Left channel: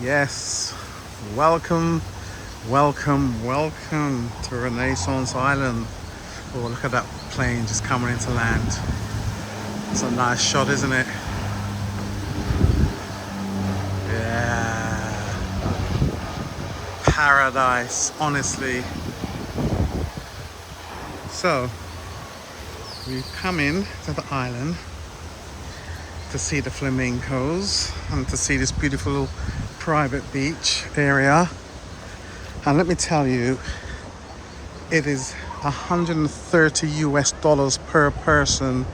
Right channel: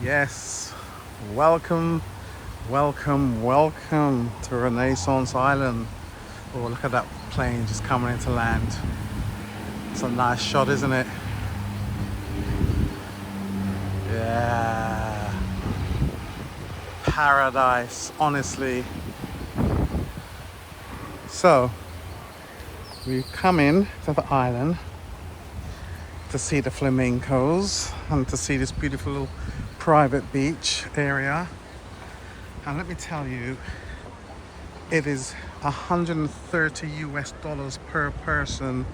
Yes, welcome, welcome to Renaissance Island. Oh, look at that plane just coming into land. It's a nice shot, isn't it? Yeah, paradise, honestly. So, you come in to the island to see the flamingos and to see this beautiful private beach area. And let me tell you, it is 130 US dollars per person,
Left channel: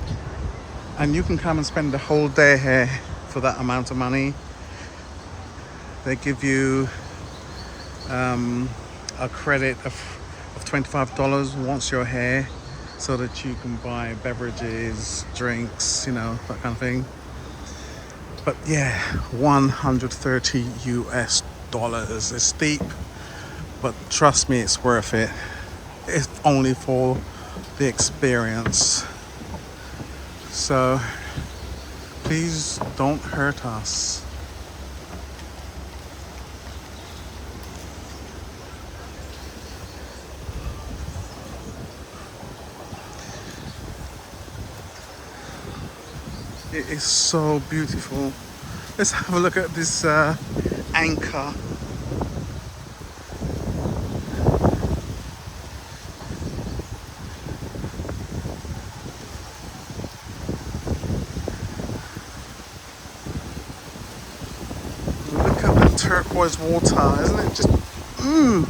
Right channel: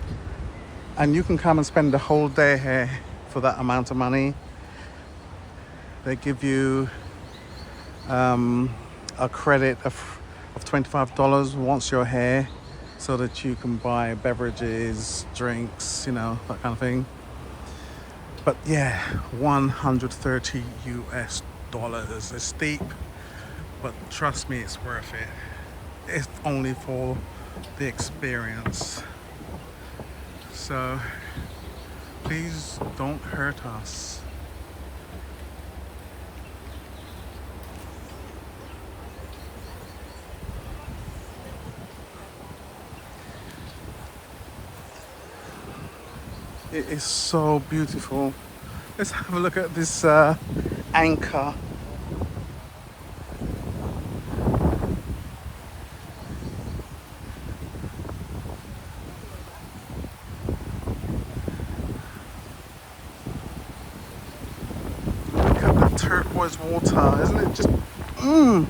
and you can come and spend the whole day here for that amount of money. They give you a credit of $25 once you're here, so that you can buy beverages, drinks, that kind of thing. But yeah, 130 US dollars. It's steep, but trust me, it's worth it. If only for the experience. So please don't hurt us. It is so beautiful. Let's have a look at this anchor. Look at the turquoise water, isn't it just oh,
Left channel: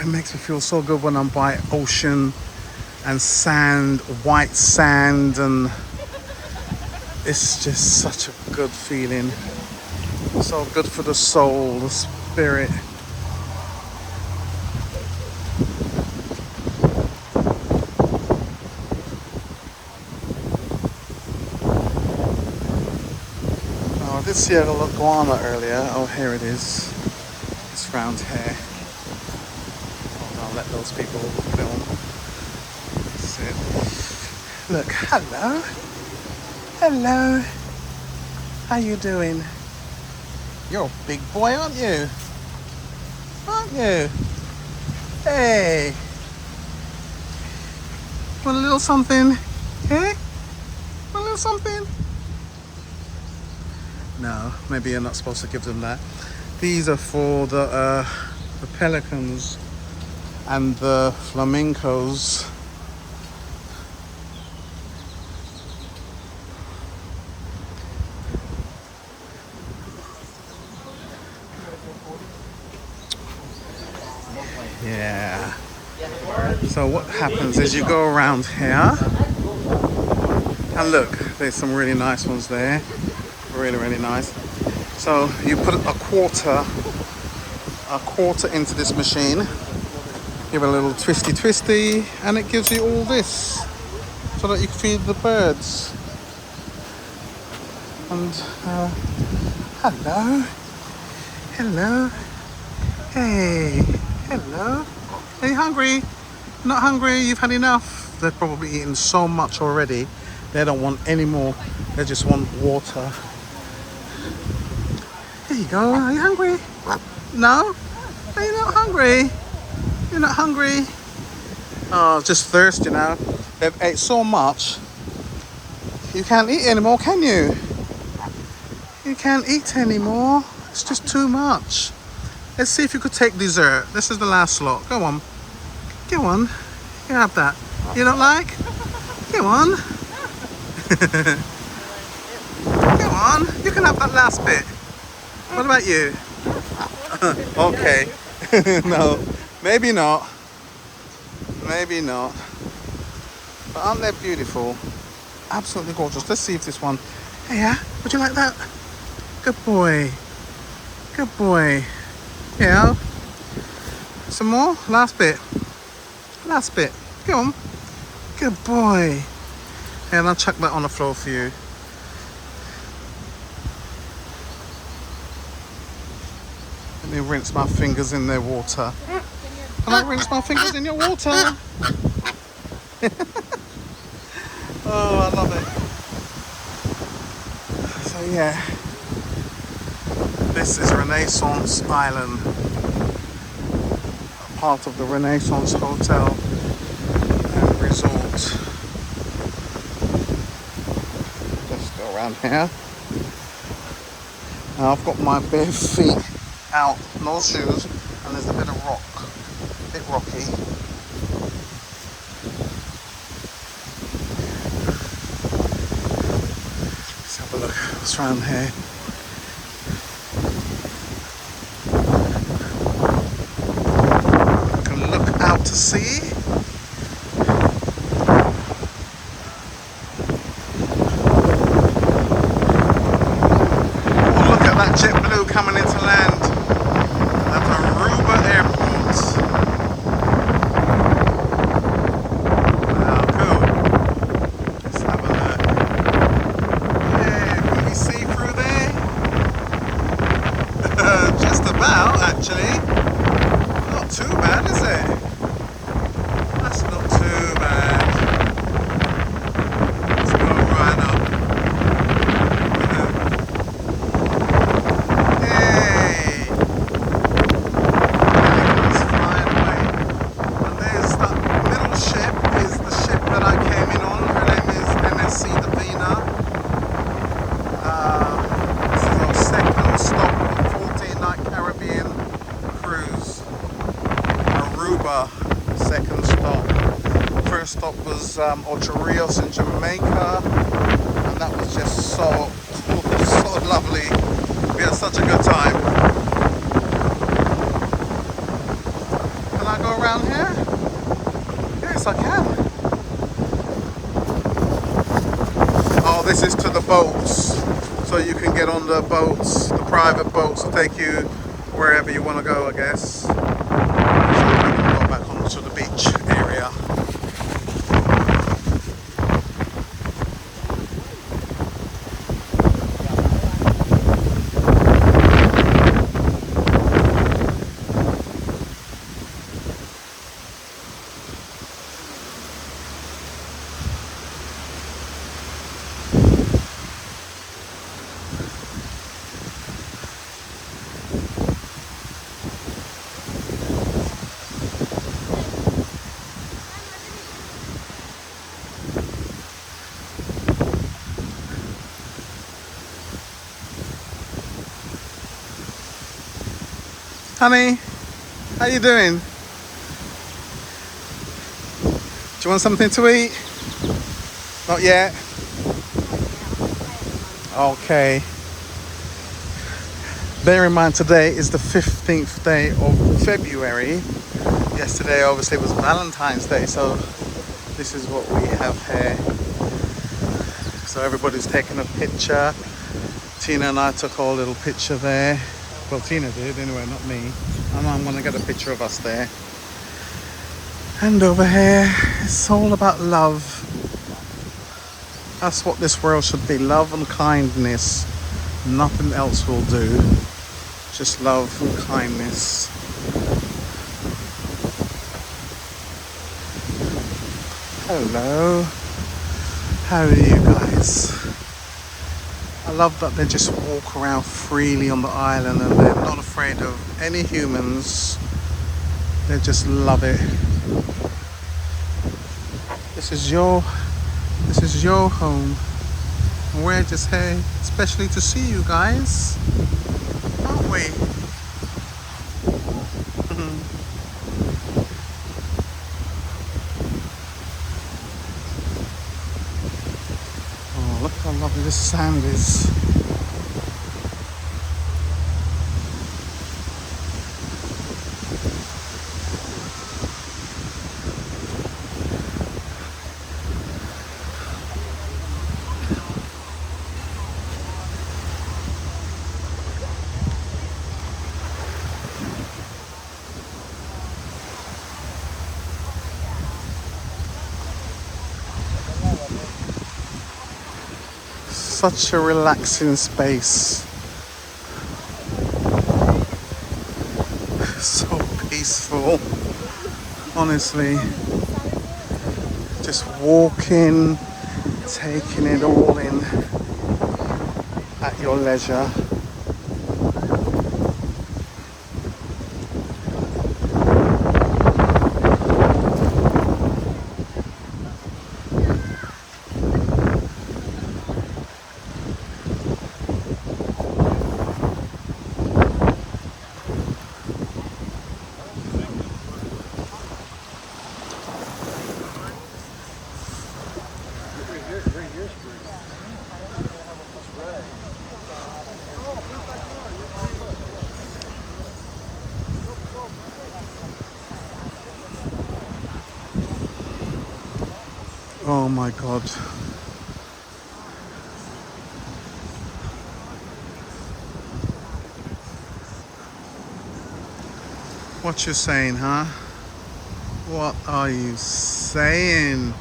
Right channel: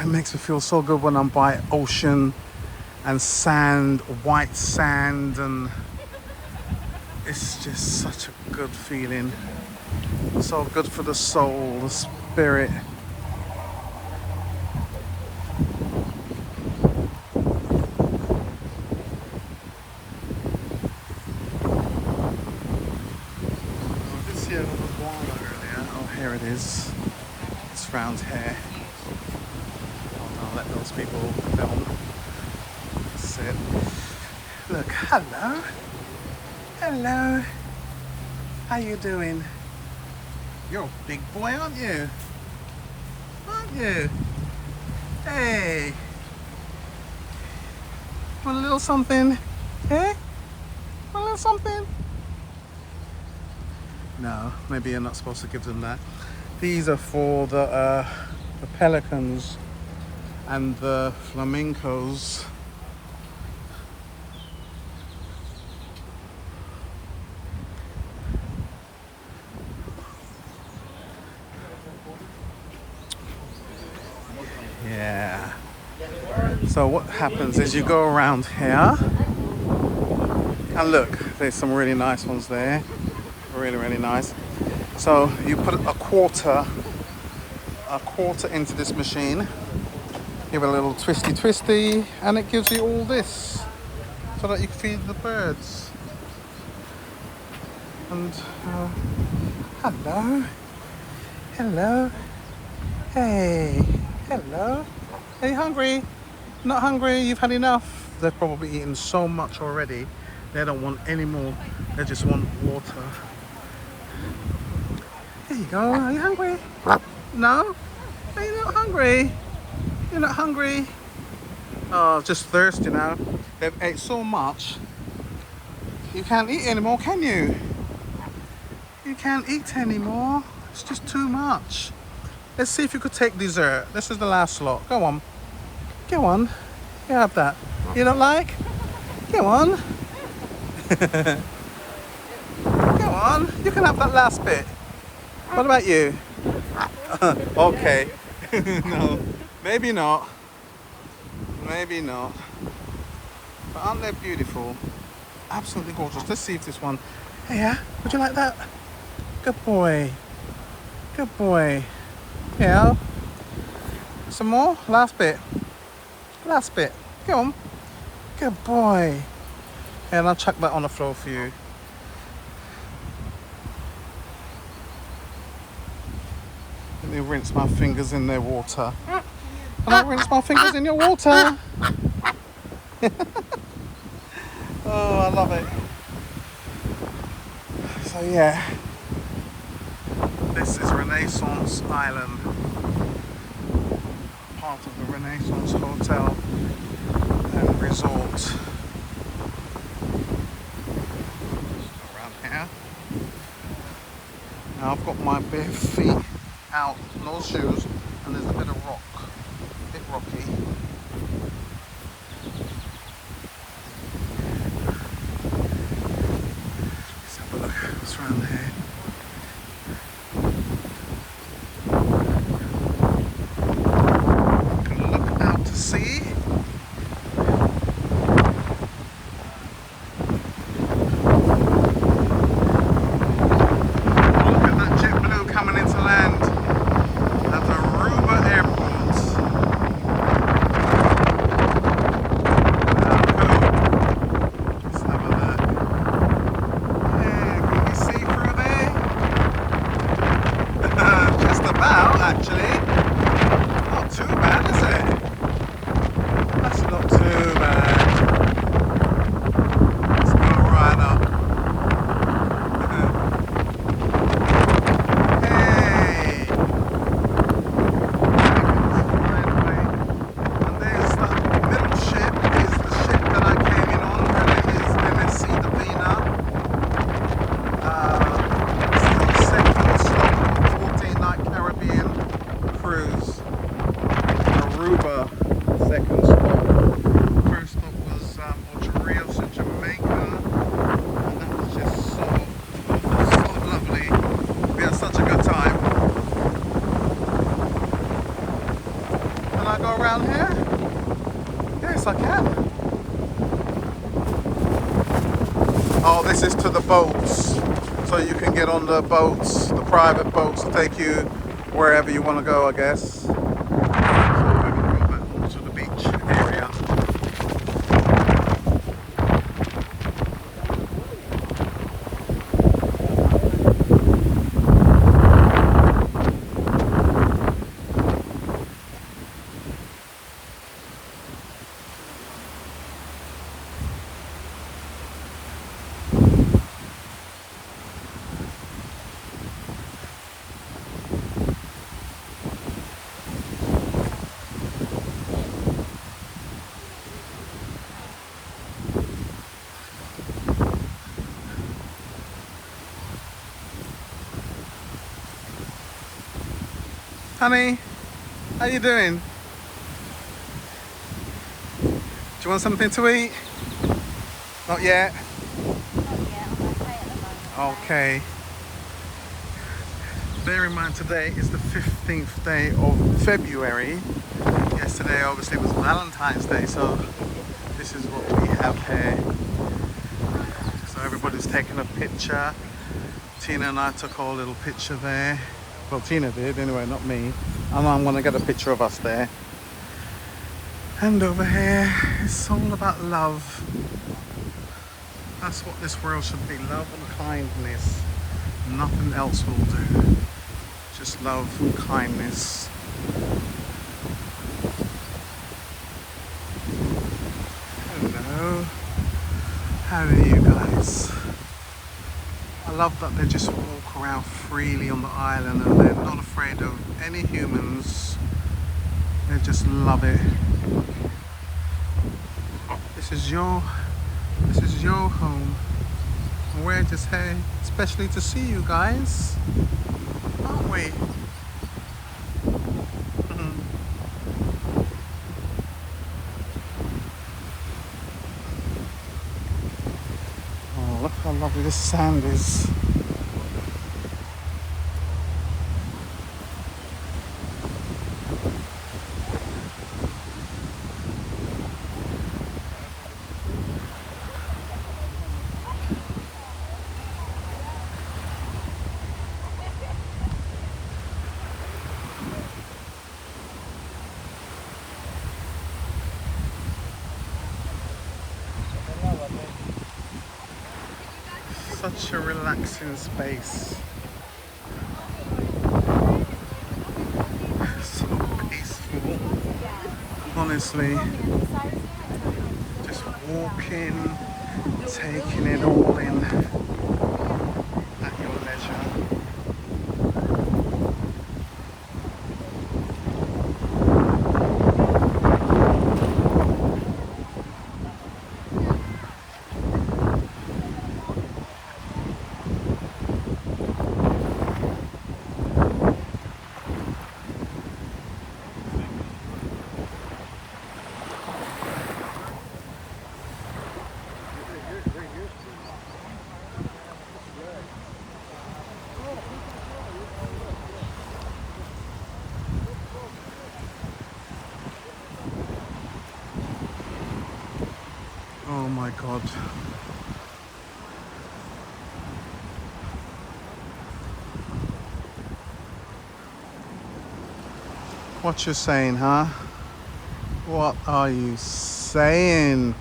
it makes me feel so good when I'm by ocean and sand, white sand, and it's just such a good feeling. So good for the soul, the spirit. Oh, I did see a iguana earlier. Oh, here it is. It's round here. Hold on, let those people film. That's it. Look, hello. Hello. How you doing? You're a big boy, aren't you? Aren't you? Hey. Want a little something? Hey? Want a little something? No, maybe you're not supposed to give them that. These are for the pelicans and the flamingos. Yeah. So what happens is you go around here, and look, there's some really nice ones there. Really nice. So you put a quarter into this machine, give it a little twisty, and it gives you all this, so that you can feed the birds. And hello, hey, hello. Are you hungry? Not hungry? You've had enough? They've probably eaten so much already. They don't want any more. They just want water. Here you go. Are you hungry? No? Are you not hungry? You're not hungry? Oh, just thirsty now. They've ate so much. You can't eat anymore, can you? You can't eat anymore. It's just too much. Let's see if you could take dessert. This is the last slot. Go on. Go on. You have that. You don't like? Go on. Go on. You can have that last bit. What about you? Okay. No. Maybe not. Maybe not. But aren't they beautiful? Absolutely gorgeous. Let's see if this one... Hey, yeah? Would you like that? Good boy. Good boy. Yeah. Some more? Last bit. Last bit. Go on. Good boy. And I'll chuck that on the floor for you. Let me rinse my fingers in their water. Can I rinse my fingers in your water? Oh, I love it. So yeah, This is Renaissance Island, part of the Renaissance Hotel and Resort. Let's go around here. Now I've got my bare feet out, no shoes, and there's a bit of rock, a bit rocky. Let's have a look what's around here. You can look out to sea. JetBlue coming into land at Aruba Airport. Wow, cool. Let's have a look. Yeah, can we see through there? Just about, actually. Not too bad, is it? That's not too bad. Let's go right up. Aruba, second stop. First stop was Ocho Rios in Jamaica, and that was just so lovely. We had such a good time. Can I go around here? Yes, I can. Oh, this is to the boats, so you can get on the boats, the private boats, to take you wherever you want to go, I guess. To the beach area. Honey, how you doing? Do you want something to eat? Not yet? Okay. Bear in mind today is the 15th day of February. Yesterday obviously was Valentine's Day, so this is what we have here. So everybody's taking a picture. Tina and I took our little picture there. Well, Tina did anyway, not me. And I'm gonna get a picture of us there. And over here, it's all about love. That's what this world should be, love and kindness. Nothing else will do. Just love and kindness. Hello. How are you guys? I love that they just walk around freely on the island and they're not afraid of any humans. They just love it. This is your home. And we're just here especially to see you guys, aren't we? Oh, look how lovely this sand is. Such a relaxing space. So peaceful. Honestly. Just walking, taking it all in at your leisure. Oh my God. What you saying, huh? What are you saying?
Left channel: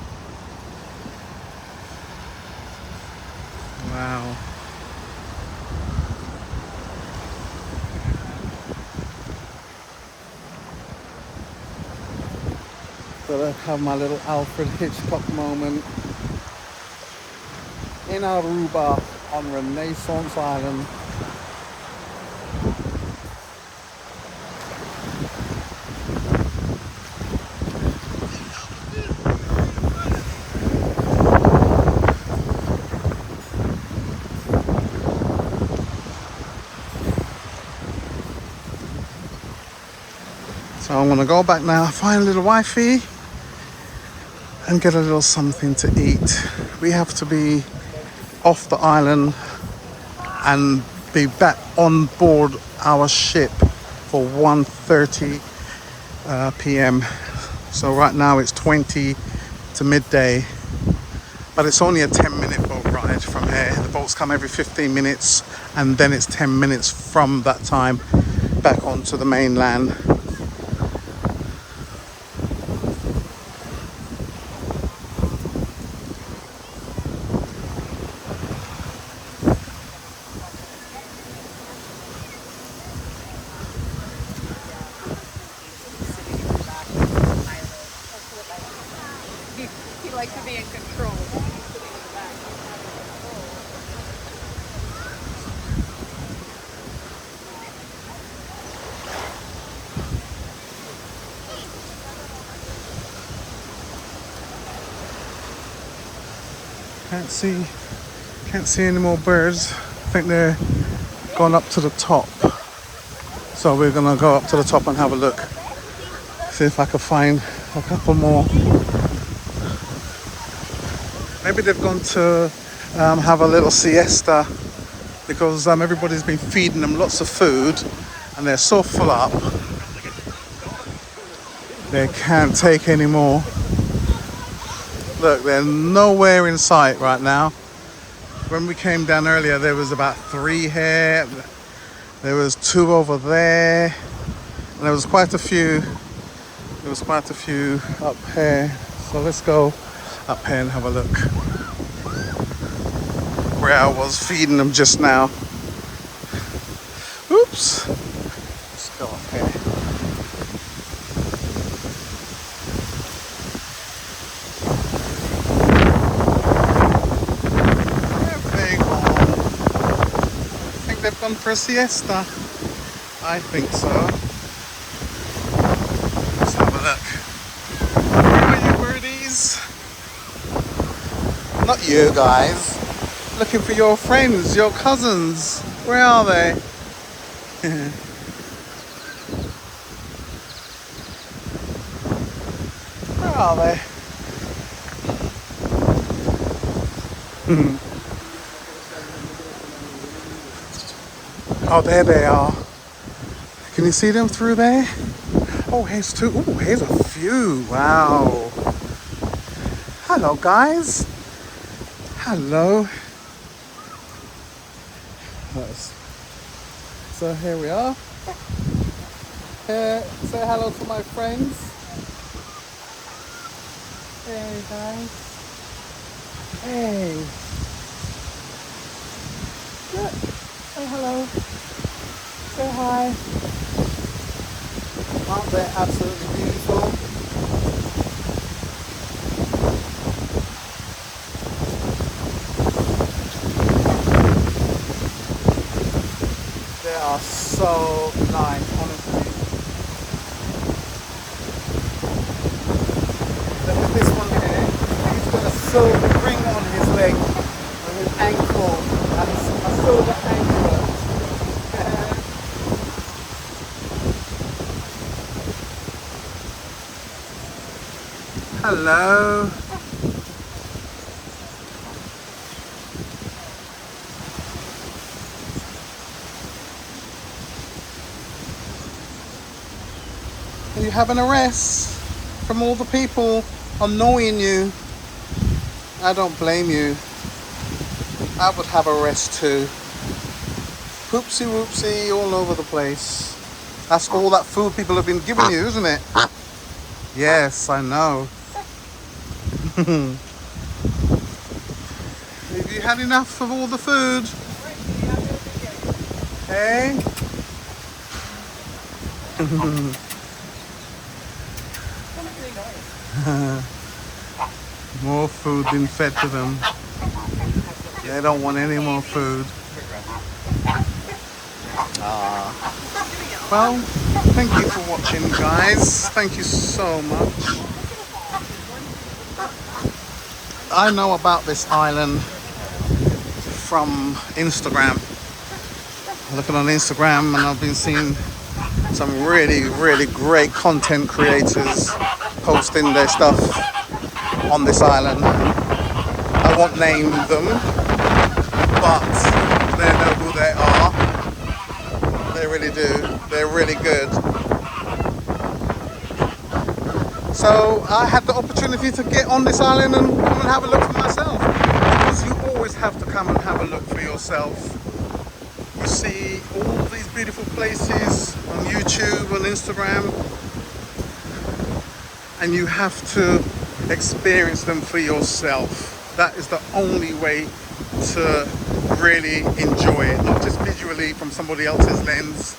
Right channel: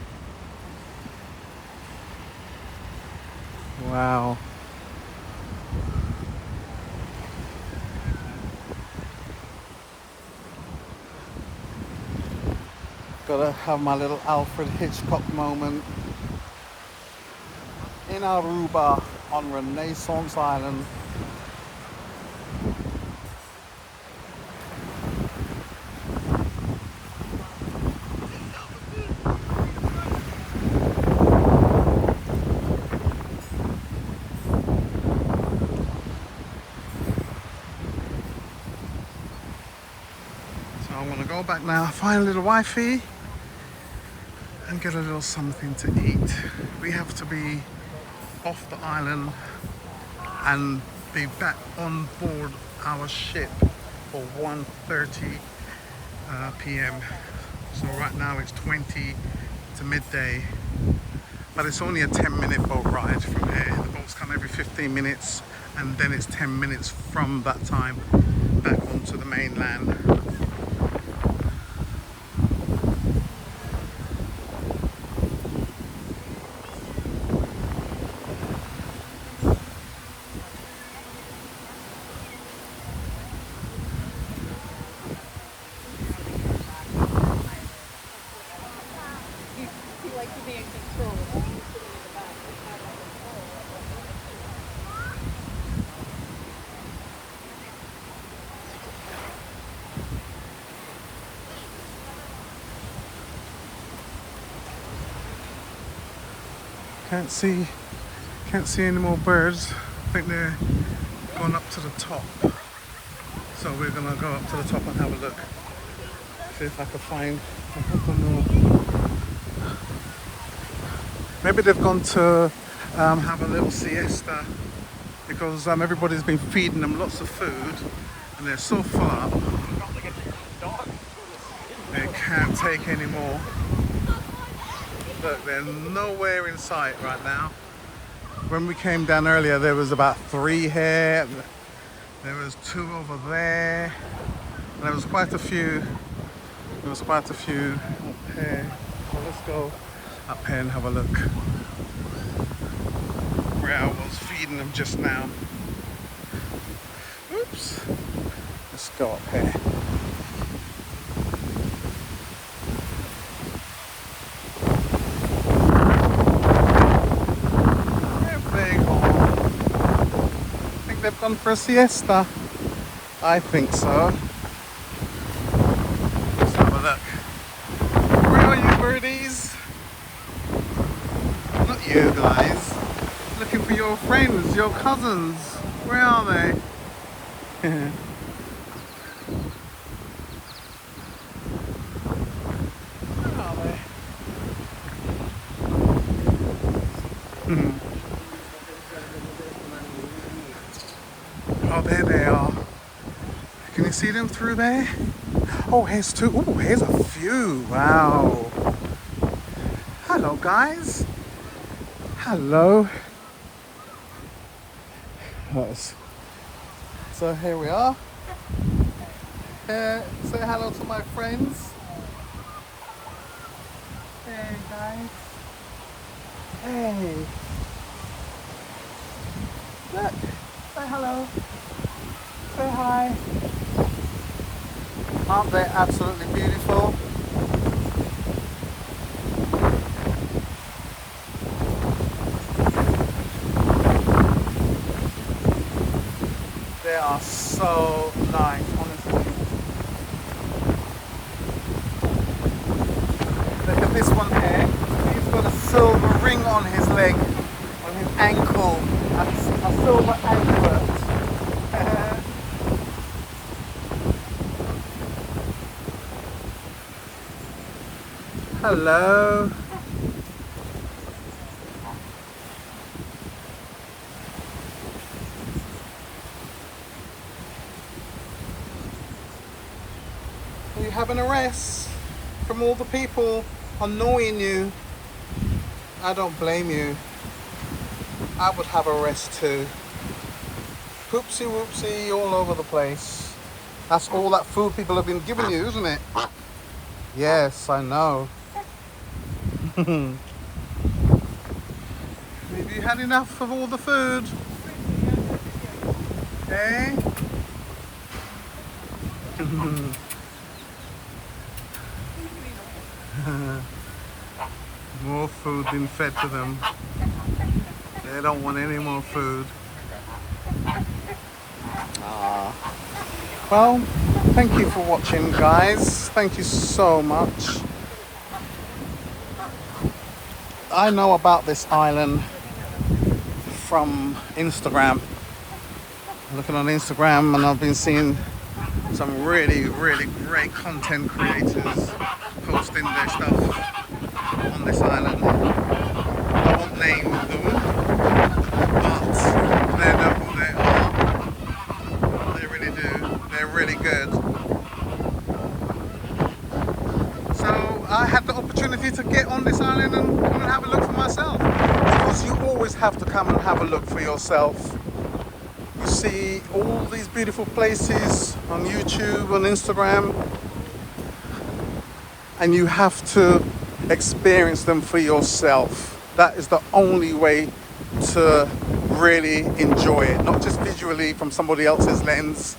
Wow. Gotta have my little Alfred Hitchcock moment in Aruba on Renaissance Island. So I'm gonna go back now, find a little wifey and get a little something to eat. We have to be off the island and be back on board our ship for 1:30 p.m. So right now it's 20 to midday, but it's only a 10-minute boat ride from here. The boats come every 15 minutes and then it's 10 minutes from that time back onto the mainland. He likes to be in control. Can't see any more birds. I think they're gone up to the top. So we're gonna go up to the top and have a look. See if I can find a couple more. Maybe they've gone to have a little siesta because everybody's been feeding them lots of food and they're so full up they can't take any more. Look, they're nowhere in sight right now. When we came down earlier, there was about 3 here. There was 2 over there, and there was quite a few. There was quite a few up here. So let's go up here and have a look where I was feeding them just now. Oops. Let's go up here. They've gone for a siesta. I think so. Let's have a look. Where are you, birdies? Not you guys. Looking for your friends, your cousins. Where are they? Where are they? Oh, there they are. Can you see them through there? Oh, here's 2. Oh, here's a few. Wow. Hello, guys. Hello. Nice. So here we are. Say hello to my friends. Hey, guys. Hey. Look. Say hello. Say hi. Aren't they absolutely beautiful? They are so nice, honestly. Look at this one here. He's got a silver ring on his leg, on his ankle, and a silver anklet. Hello. Are you having a rest from all the people annoying you? I don't blame you. I would have a rest too. Poopsie whoopsie all over the place. That's all that food people have been giving you, isn't it? Yes, I know. Have you had enough of all the food? Hey? More food being fed to them. They don't want any more food. Well, thank you for watching, guys. Thank you so much. I know about this island from Instagram. I'm looking on Instagram and I've been seeing some really, really great content creators posting their stuff on this island. I won't name them, but they know who they are. They really do. They're really good. So I had the opportunity to get on this island and come and have a look for myself. Because you always have to come and have a look for yourself. You see all these beautiful places on YouTube, on Instagram, and you have to experience them for yourself. That is the only way to really enjoy it, not just visually from somebody else's lens,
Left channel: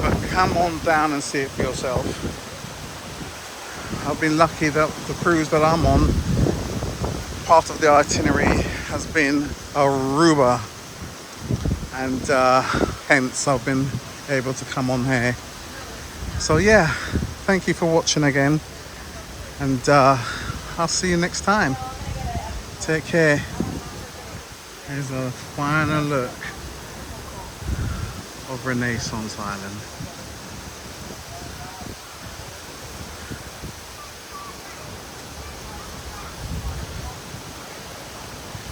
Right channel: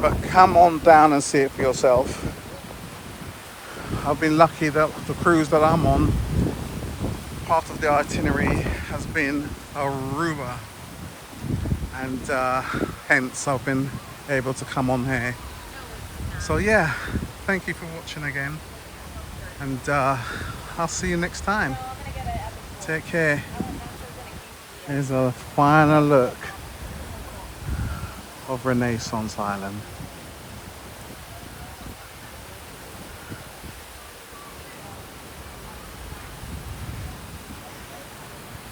but come on down and see it for yourself. I've been lucky that the cruise that I'm on, part of the itinerary has been Aruba, and hence I've been able to come on here. So yeah, thank you for watching again, and I'll see you next time. Take care. Here's a final look of Renaissance Island.